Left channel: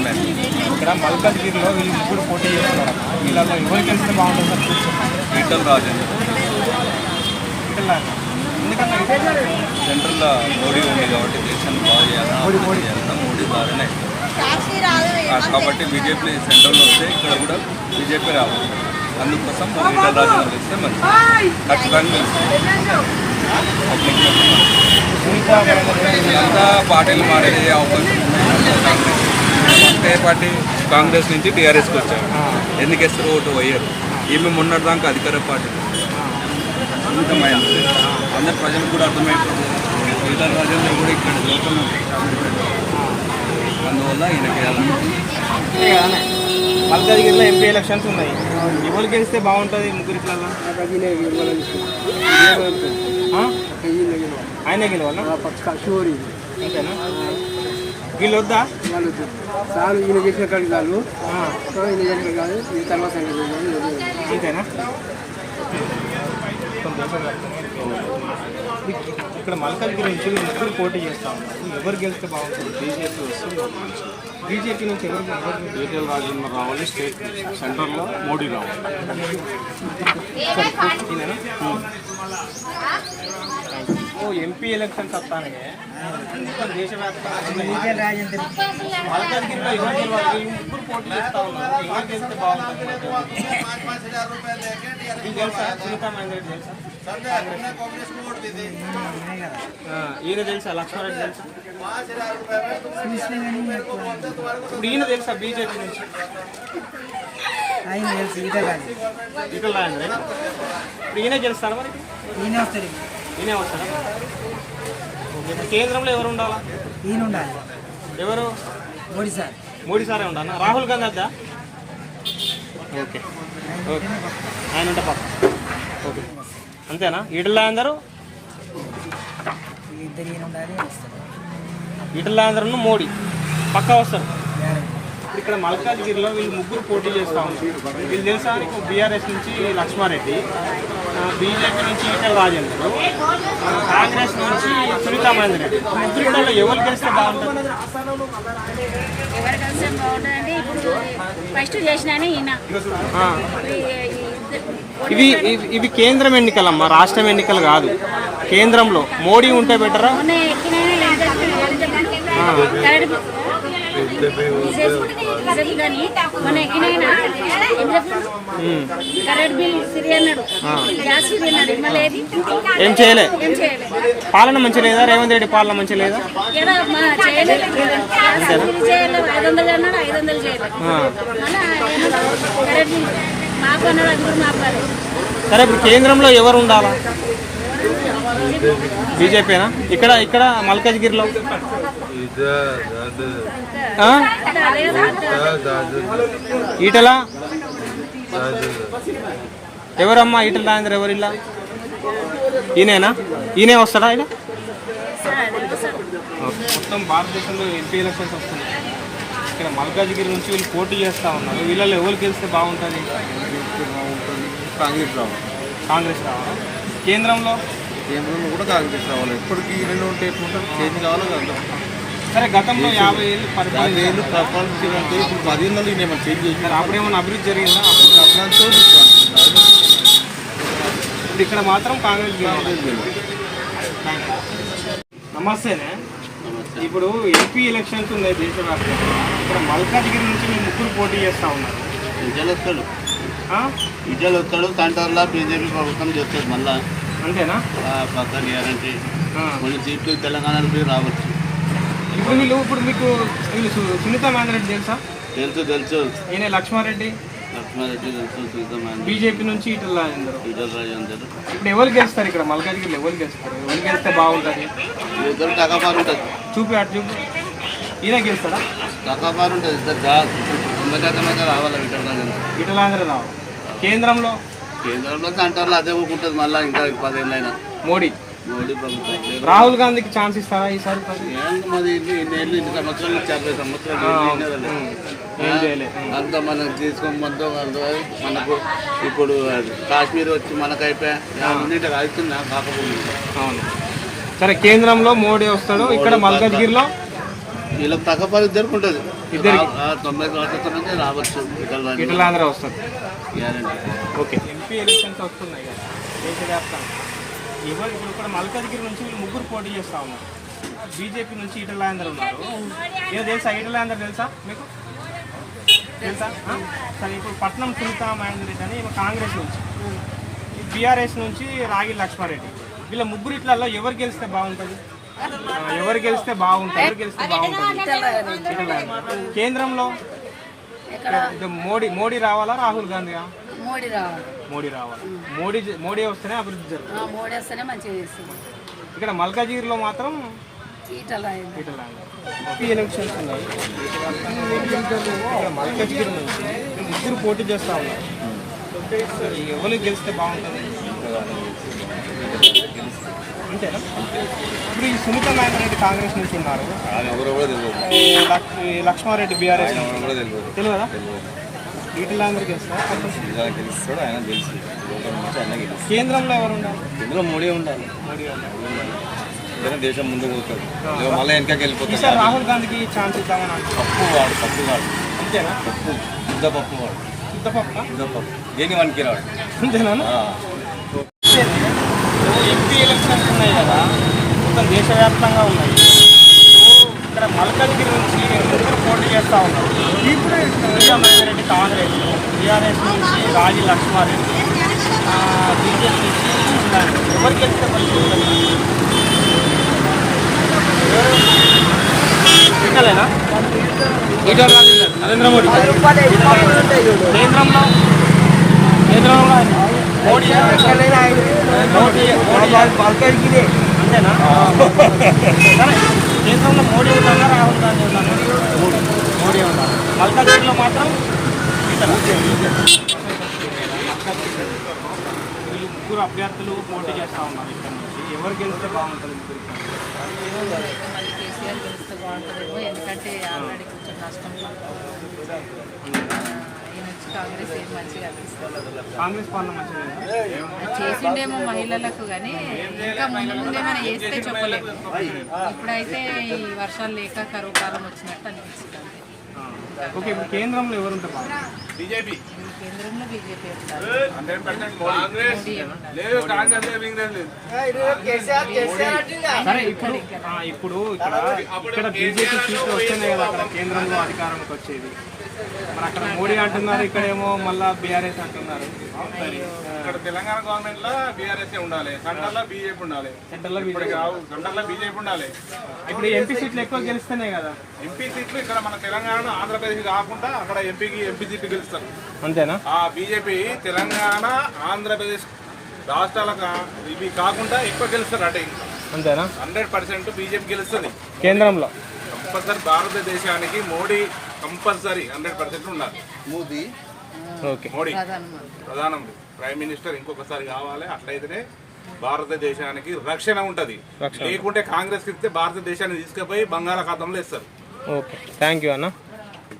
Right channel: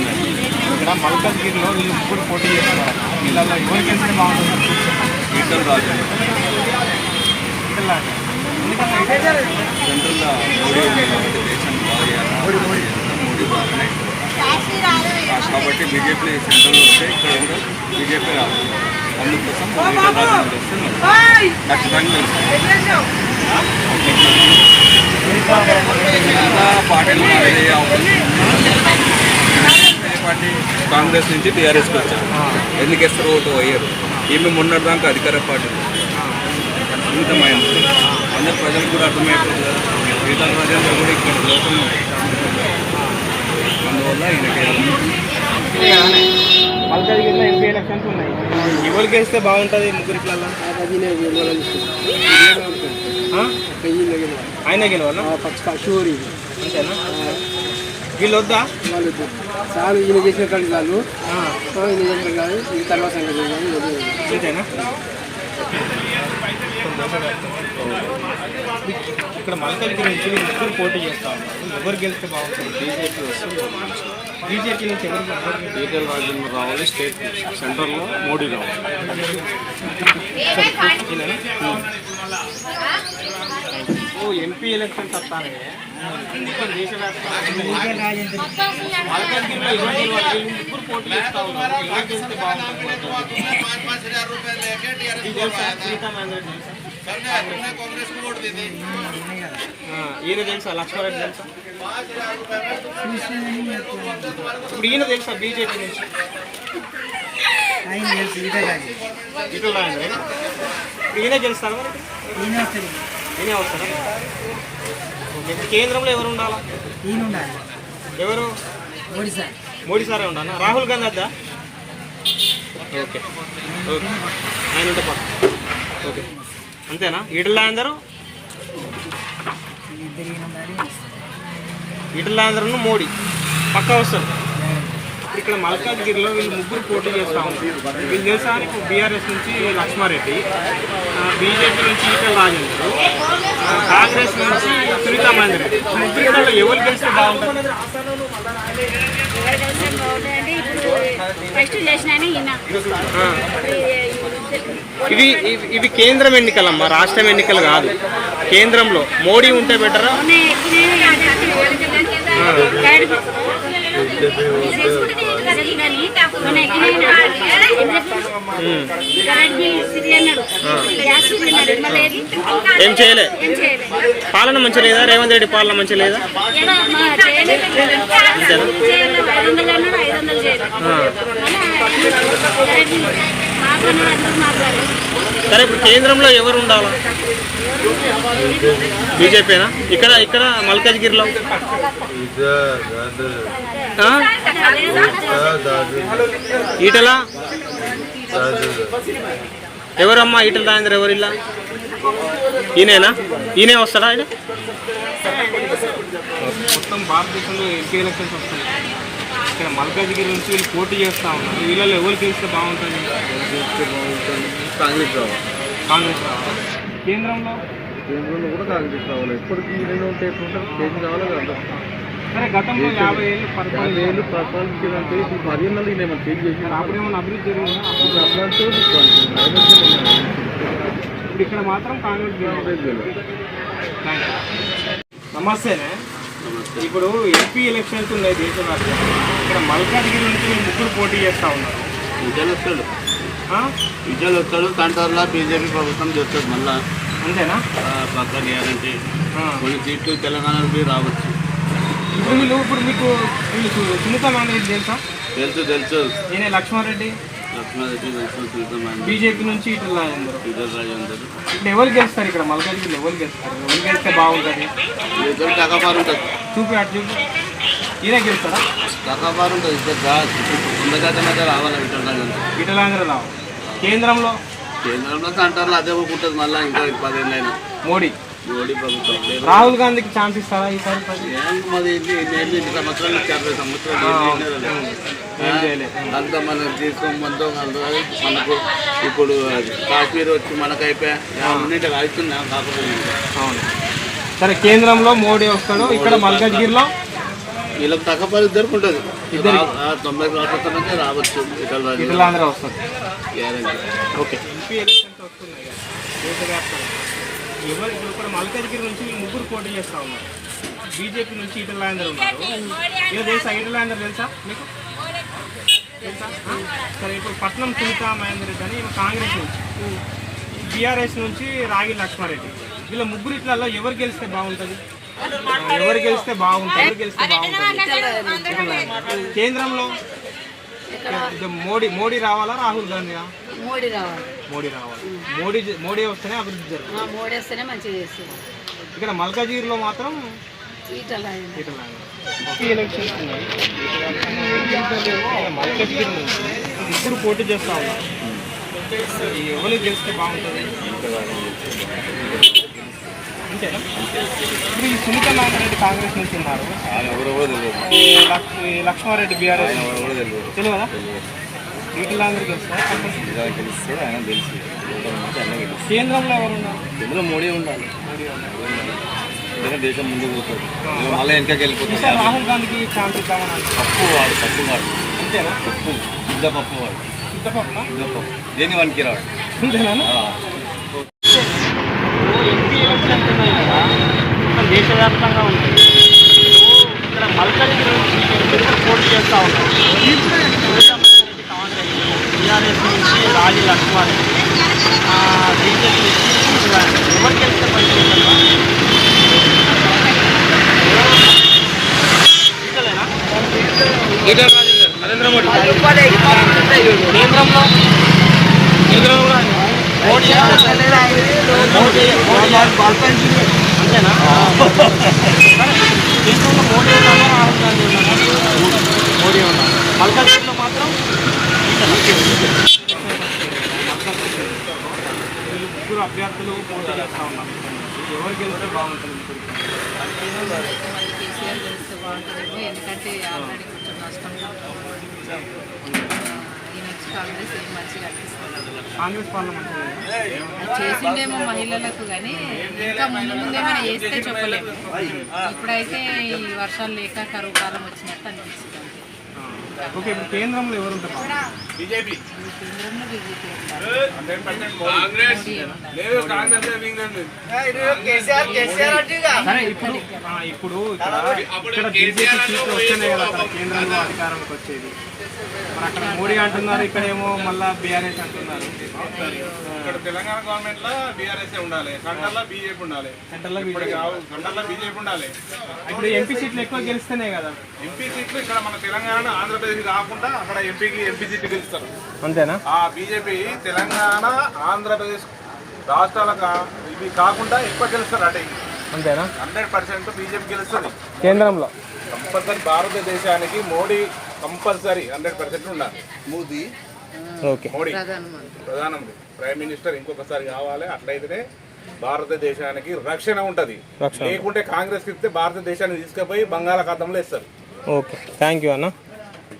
ఉన్నాయి. ఇక్కడ మల్కాజ్గిరిలో వీళ్ళు ముగ్గురు పోటీ చేస్తున్నారట వీళ్ళలో ఎవరికి వెళ్తే బాగుంటుంది ఇట్లా ఎందుకన్నా సెంట్రల్లో మోడీ ఉంది కాబట్టి దేశాన్ని బాగా చేయాలా మోడీ ఆ, కాబట్టి బీజేపీ సెంట్రల్లో వస్తే ఇక్కడ కూడా బీజేపీ రావాలి. అందుకోసం ఈటల రాజేంద్ర వస్తే మంచిది ఖచ్చితంగా పార్టీలు మారే అవకాశం ఏ పార్టీ? కాంగ్రెస్ నుంచి టీఆర్ఎస్కి వచ్చారు. ఎందుకు వేస్తారు ఓటు పోయారు? ఈమె మొన్నటిదాకా అధికార పార్టీ. అమితమైంది అందరు ప్రజలకు కూడా అర్థమైపోతుంది ఈటల రాజేంద్ర కూడా ఇక్కడ లోకంలో అందువల్ల ఈయనకి. మల్కాజ్గిరిలో ఎంపీ ఎలక్షన్స్ ఉన్నాయి. ఎవరికి వేస్తే బాగుంటుంది ముగ్గురిట్లలో ఆ? ఆయనే గెలవాలా? షూరి అంతేనా? వీళ్ళు వద్దా వాళ్ళు సార్ ఈయన చేసిన సో ఈయన చేసిన కాదు ఈ తర్వాత సంగతి వదిలేద్దాం. అంతేనా ఇక్కడ మల్కాజ్గిరి నుంచి ముగ్గురు పోటీ చేస్తా ఉన్నారు. ఎవరు గెలిస్తే బాగుంటుంది? బీజేపీ వస్తుంది బీజేపీ నుంచి ఎవరికి ఎవరికి ఈటల రాజేంద్ర రావాలి స్టేట్ సెంటర్లో మోడీ రావాలి? ఓ ఎంపీ ఎలక్షన్స్ వస్తానే మొత్తం దేశవ్యాప్తంగా ఎవరు ముగ్గురు పోటీ చేస్తా ఉన్నారు. ఎవరు గెలిస్తే బాగుంటుంది? ఈయన తెలుసా? లక్ష్మారెడ్డి తెలుసా? ఇప్పుడు ఈయన తెలుసా బీజేపీ నుంచి? ఆయన తెలుసు ఇటు రాజేంద్ర ఇప్పుడు ఈయన ఈయన వస్తాడు. ఈయనే కేంద్రంలో ఎవరు ఉండాలా? ఈయన ఉండాలి. ఎవరు? మోడీ సార్. మోడీ సారే ఉండాలా? రాహుల్ గాంధీ వద్దా? ఓకే. ఓకే. ఆయన ఉంటే ఓకే. అంతేనా? ఈటల అందరూ? ఇద్దరు ఈయన ఉండాలి ఈటల అందరూ మోడీ. పక్క వస్తారు. ఇక్కడ మల్కాజ్గిరిలో వీళ్ళు ముగ్గురు పోటీ చేస్తూ ఉన్నారు. వీళ్ళు తెలుసా? బీఆర్ఎస్ నుంచి లక్ష్మారెడ్డి బీజేపీ నుంచి ఈటల రాజేంద్ర కాంగ్రెస్ నుంచి సునీతా మహేందర్ రెడ్డి. ముగ్గురిలో ఎవరు గెలిస్తే బాగుంటుంది? ఎవరు ఇప్పుడు ఫస్ట్ ఇవి ఇవి- కేంద్రం ఎన్నికలమ్మా రాష్ట్రం ఎన్నికలు కాదు. కేంద్రంలో మోడీ ఉంటే బెటరా? ఏం చేయలే. పాలన మంచి లేదా? రేవంత్ రెడ్డి పాలన మంచి లేదా? సరే ఇప్పుడు కేంద్రంలో ఎవరు ఉండాలా? బీజేపీనా ఇక్కడ ఇక్కడ మల్కాజ్గిరిలో ఆ? ఈటల? ఎవరమ్మా ఈటల రాజేంద్ర? ఎవరు ఇలా ఈయనేనా? ఈయనే వస్తాడా ఆయన? మొత్తం భారతదేశంలో ఎంపీ ఎలక్షన్స్ వస్తున్నాయి. ఇక్కడ మల్కాజ్గిరి నుంచి వీళ్ళు పోటీ చేస్తూ ఉన్నారు. వీళ్ళలో ఎవరు గెలిస్తే బాగుంటుంది? కాంగ్రెస్ రావాలి. కాంగ్రెస్ రావాలా? కేంద్రంలో? కేంద్రంలో కూడా కాంగ్రెస్ రావాలి. ఎప్పటికీ రెండు ఉంటే ఎట్లుంటారు చేంజ్ కావాలి కదా సరే గతంలో యాభై ఏళ్ళు యాభై ఏళ్ళు పరిపాలించారంటే ఇప్పుడు నేను చేంజ్ చేసిన అప్పుడు ఏమైనా అభివృద్ధి జరిగిందా? అప్పుడు ఇప్పుడు ఇక్కడ మాత్రం కాంగ్రెస్. నమస్తేనే. ఇప్పుడు ఎంపీ ఎలక్షన్స్ ఉన్నాయి దేశవ్యాప్తంగా. ఇక్కడ మల్కాజ్గిరి నుంచి మీరు ముగ్గురు పోటీ చేస్తా ఉన్నారు. విజయాలు వస్తాడు? విజయాలు వస్తాడు వల్ల బీజేపీ ప్రభుత్వం చేస్తుంది మళ్ళా. అంతేనా? పక్కన ఆ. కొన్ని సీట్లు తెలంగాణలో పోయి రావచ్చు. ఇప్పుడు వీళ్ళు ఇప్పుడు మీకు వీళ్ళు సునీత రెడ్డి తెలుసా? తెలుసు తెలుసు. ఈయన లక్ష్మారెడ్డి. లక్ష్మారెడ్డి తెలుసు సుల్తాన్ బీజేపీ నుంచి ఇట్లా రాజు అందరు. ఇప్పుడు ఎవరు గెలుస్తారు ఇక్కడ? మల్కాజ్గిరిలో ఎవరు గెలుస్తారు? ఎవరు గెలిస్తే బాగుంటుంది? ఇద్దరు టకాపారు ఉంటుంది చూపి అటు చూపి. ఈయన గెలుస్తారా టకాపారు ఉంటుంది ఇద్దరు రావాలి ఇటలాంధ్ర కేంద్రంలో? కేంద్రంలో అంటారు అదే ఊరుకుంటుంది మళ్ళీ ఇంకా పదేళ్ళు అయినా. మోడీ. మోడీ ప్రభుత్వం. రాహుల్ గాంధీకి ఛాన్స్ ఇస్తారా ఈసారి మాది సంవత్సరాలు యాభై సంవత్సరాలు అంతా మనం తీసుకోమంతో మనకు ఇప్పుడు కాశ్మీర్ వచ్చి మనకు అయిపోయా అన్నింటికి అవుతున్నా కాకపోతే అవును. సరే కేంద్రంలో మోడీ వస్తాడు. ఇక్కడ మల్కాజ్గిరిలో? వీళ్ళకి తగ్గపరి ఇద్దరికి ఉంటుంది. రా- ఆ, తొంభై సంవత్సరాలకి రావచ్చు వస్తారు గ్యారంటీ. ఓకే. ఎంపీ ఎలక్షన్స్ వస్తున్నాయి కదా. దేశవ్యాప్తంగా ఎవరు ఇప్పుడు కూడా మల్కాజ్గిరి నుంచి వీళ్ళు ముగ్గురు పోటీ చేస్తా ఉన్నారు. బీజేపీ నుంచి రాజేందర్ ఉన్నారు. ఏదో తెలుసా? రాజేందర్ తెలుసా మీకు? తెలుసా? సరే ఇప్పుడు పట్నం సునీత మహేందర్ రెడ్డి అని కాంగ్రెస్ నుంచి. బీఆర్ఎస్ నుంచి రాగి లక్ష్మారెడ్డి. వీళ్ళ ముగ్గురు ఇట్లలో ఎవరు గెలిస్తే బాగుంటుంది? ఎవరు గెలిస్తే బాగుంటుంది? ఎవరు గెలిస్తే బాగుంటుంది. కేంద్రంలో మోడీ మోడీ రావాలా రాహుల్ గాంధీయా? మోడీ రావాలి. మోడీ రావాలి? మోడీ మోడీ వస్తేనే అభివృద్ధి జరుగుతుంది. మోడీ వస్తేనే మంచిగా చేస్తుంది. ఇక్కడ మల్కాజీర్లో మాత్రం ఇక్కడ మల్కాజ్గిరి నుంచి ముగ్గురు పోటీ చేస్తా ఉన్నారు. ఎవరు గెలిస్తే బాగుంటుంది? అంతేనా? ఇప్పుడు ఈ సునీత నారాయణ రెడ్డి కాంగ్రెస్ నుంచి ఉన్నారు. ఆయన ఎవరో కూడా తెలియదు. ఈ లక్- ఈ లక్ష్మారెడ్డి బీఆర్ఎస్ ఆయన ఎవరో కూడా తెలియదు. తెలియదా? వీటిలో అందరు గెలుస్తారు నిజానికి గెలుస్తాడు ఆయన తెలిసి. లోకల్ నుంచి ఆయన గెలుస్తాడు. కేంద్రంలో ఎవరు ఉండాలి? ఇందులో మోడీ ఉండాలి. మోడీ దేశం ముందుకు పోతాడు ఇక మళ్ళీ వెనకకి వెళ్ళిపోతాడు రాహుల్ గాంధీకి ఛాన్స్ ఇద్దామని పప్పు వాడు పప్పు వాడు. అంతేనా? పప్పు శుద్ధ పప్పు వాడు. ఇంత పక్క శుద్ధ పప్పు దేని వనికి రాడు? అంతేనా? ఆ. ఎంపీ ఎలక్షన్స్ ఉన్నాయి. కదా మొత్తం దేశవ్యాప్తంగా ఉన్నాయి ఇక్కడ మల్కజ్గిరి నుంచి పోటీ చేస్తూ ఉన్నారు. రెడ్డి కాంగ్రెస్ టీఆర్ఎస్ నుంచి రాజీ లక్ష్మారెడ్డి బీజేపీ నుంచి. ఎవరు గెలిస్తే నరేంద్ర మోడీ. కేంద్రంలో? కేంద్రంలో ఆయన. మోడీ మోడీ మోడీ ఉన్నారా రాహుల్ గాంధీ ఉన్నారా. మోడీ ఉన్నారు. మల్కాజ్గిరిలో మాత్రం ముగ్గురు అభ్యర్థులు పోటీ చేస్తూ ఉన్నారు ఇక్కడ నుంచి. ఎవరు గెలిస్తే బాగుంటుంది ముగ్గురికి ఎందుకంటే ఆల్రెడీ కొంచెం నష్టంలో ఉన్నాడు. ఆ, ఈయన వచ్చి కాంగ్రెస్ ఏం మంచిగా అనిపిస్తుంది కాంగ్రెస్? చేసిండేమో మహిళలకు కానీ ఇంకా ముందు ముందు ఏమైనా చేస్తే చెప్పలేము ఇప్పుడైతే ఈ వర్షాలు లేక కరువు కాలం వచ్చినట్టు అనిపిస్తుంది. ఓకే ఇప్పుడు కేంద్రంలో ఎవరు ఉంటే బాగుంటుంది కేంద్రంలో బీజేపీ ఉంటారు. సరే ఇప్పుడు ఇప్పుడు ఇక్కడ ఇక్కడ బీజేపీ సీట్లు వస్తేనే కదా అక్కడ కేంద్రంలో అధికారంలోకి వచ్చేది. మరి అక్కడ మోడీ అంటున్నారు ఇక్కడేమో మళ్ళా బీఆర్ఎస్ అంటున్నారు. ఇక్కడ తెలంగాణ గవర్నమెంట్లో బీఆర్ఎస్ ఉండాలి? సెంట్రల్ బీజేపీ ఉండాలి. బీజేపీ కావు సెంట్రల్ బీజేపీ ఉండాలి. ఇప్పుడు ఎంపీ సీట్లు ఎక్కువ గెలిస్తేనే కదా. ఎంపీ సీట్లు ఇక్కడ మన తెలంగాణ ఆంధ్రప్రదేశ్ కాకుండా అక్కడ ఎంపీకి ఎంపీ సీట్లు గెలుస్తారు. అంతేనా? ఆ బీజేపీ తెలంగాణ ఆంధ్రప్రదేశ్ రాష్ట్రాలకు ఇవి కాకుండా ఎక్కువ గెలుస్తారు అటే. అంతేనా? హండ్రెడ్ పర్సెంట్ బీజేపీ గెలుస్తుంది. కేంద్రంలో? కంపల్సరీ భారతదేశానికి మోడీ కంపల్సరీ హండ్రెడ్ పర్సెంట్ ఉండాలి. మోదీ? ఓకే. మోడీ. ప్రధానమంత్రి. ప్రైమ్ మినిస్టర్ ఇంకొకసారి కావాలి. అట్లయితేనే భారతదేశానికి రక్షణ ఉంటది. లేకుంటే కాంగ్రెస్ ఇస్తే భారతదేశాన్ని తీసుకుపోయి బంగాళాఖాతంలో ఇస్తారు ఓకే. థ్యాంక్ యూ అన్న.